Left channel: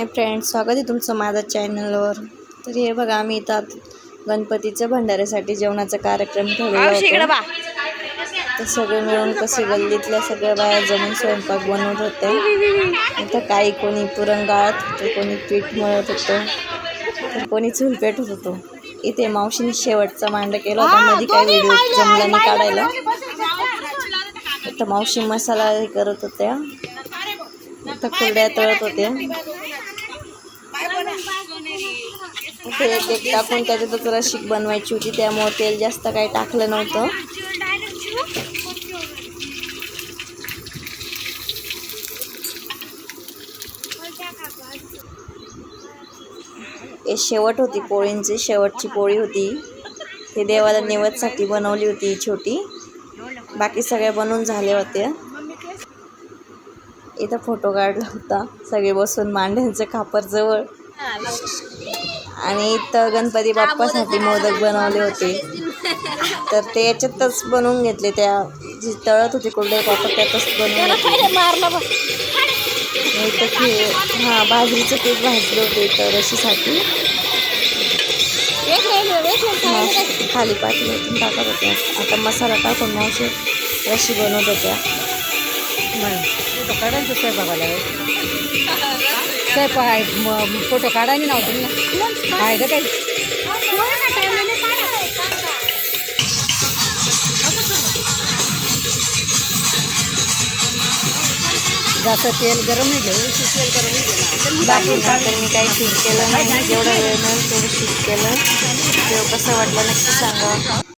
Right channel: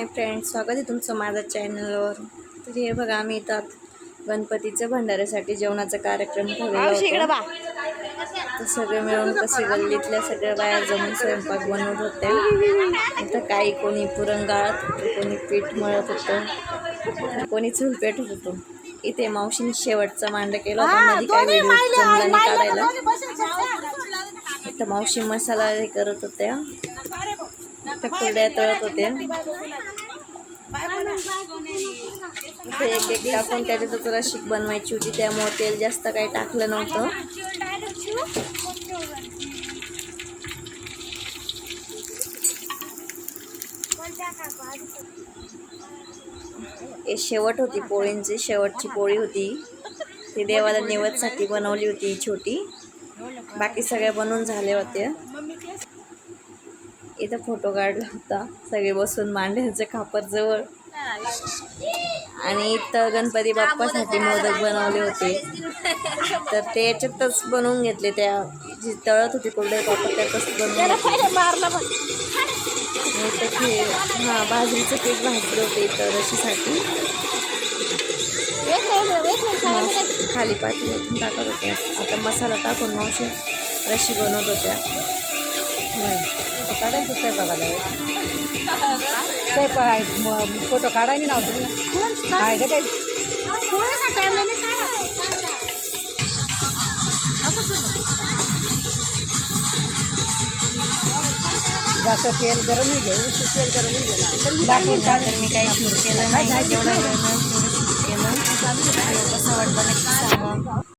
Hi friends, स्वागत आहे तुमचं माझ्या चॅनलवर. तर हे बघा, आम्ही इथं गणपतीच्या भंडाऱ्यासाठी जेवणाचा कार्यक्रम ठेवलेला होता. तर सगळे मिळून कसे गल्लीतल्या सगळ्या बाया जमून स्वयंपाक बनवत होत्या. इथं काही कोणी पुरण गाळत होतं, कोणी पीठ मळत होतं, तर कोणी चूल पेटत होतं. इथे मावशीने शेवटचा मांड केला होता. मध्ये काही व्हिडिओ जमला नाही काढायला. इथं मावशी मसाला हे करत होत्या, इथं कुरड्या तळत होत्या. ते एक टाकून त्याच्यातच रशीक बनवायची होती, त्यामुळे तेल जास्त काही टाकलं नव्हतं. हे शेवट होती पोळींची, शेवटची पोळी होती. ती देवाला निवेदसाठी बनवली होती छोटी. बाकी सगळ्या बनवून झाल्या होत्या. इथं फोटो काढला होता सगळे बसून मांड्यांच्या खापरजवळ. आणि इथं गणपती बाप्पासाठी मोदक बनवले होते, तर ते याच्यातच बनवून घेतले. त्या जी तळत होती कुरडे पापड त्यातच बनवून घेतले. इथं बाजरीचं पीठ भाजलं होते इथं रशीसाठी. खाली पाठी ओतून टाकत होत्या. आता मसाला टाकून मावशी रशी बनवत होत्या. फोटो काढायला नव्हतं. जास्त तेल गरम नाही घेऊ, तेल गरम नाही घेणार. बाकी नंतर मी काही शूट केलं नाही. जेवढं वेळ मिळेल तेवढं शूट केलं. व्हिडिओ कसं वाटलं नक्की सांगा.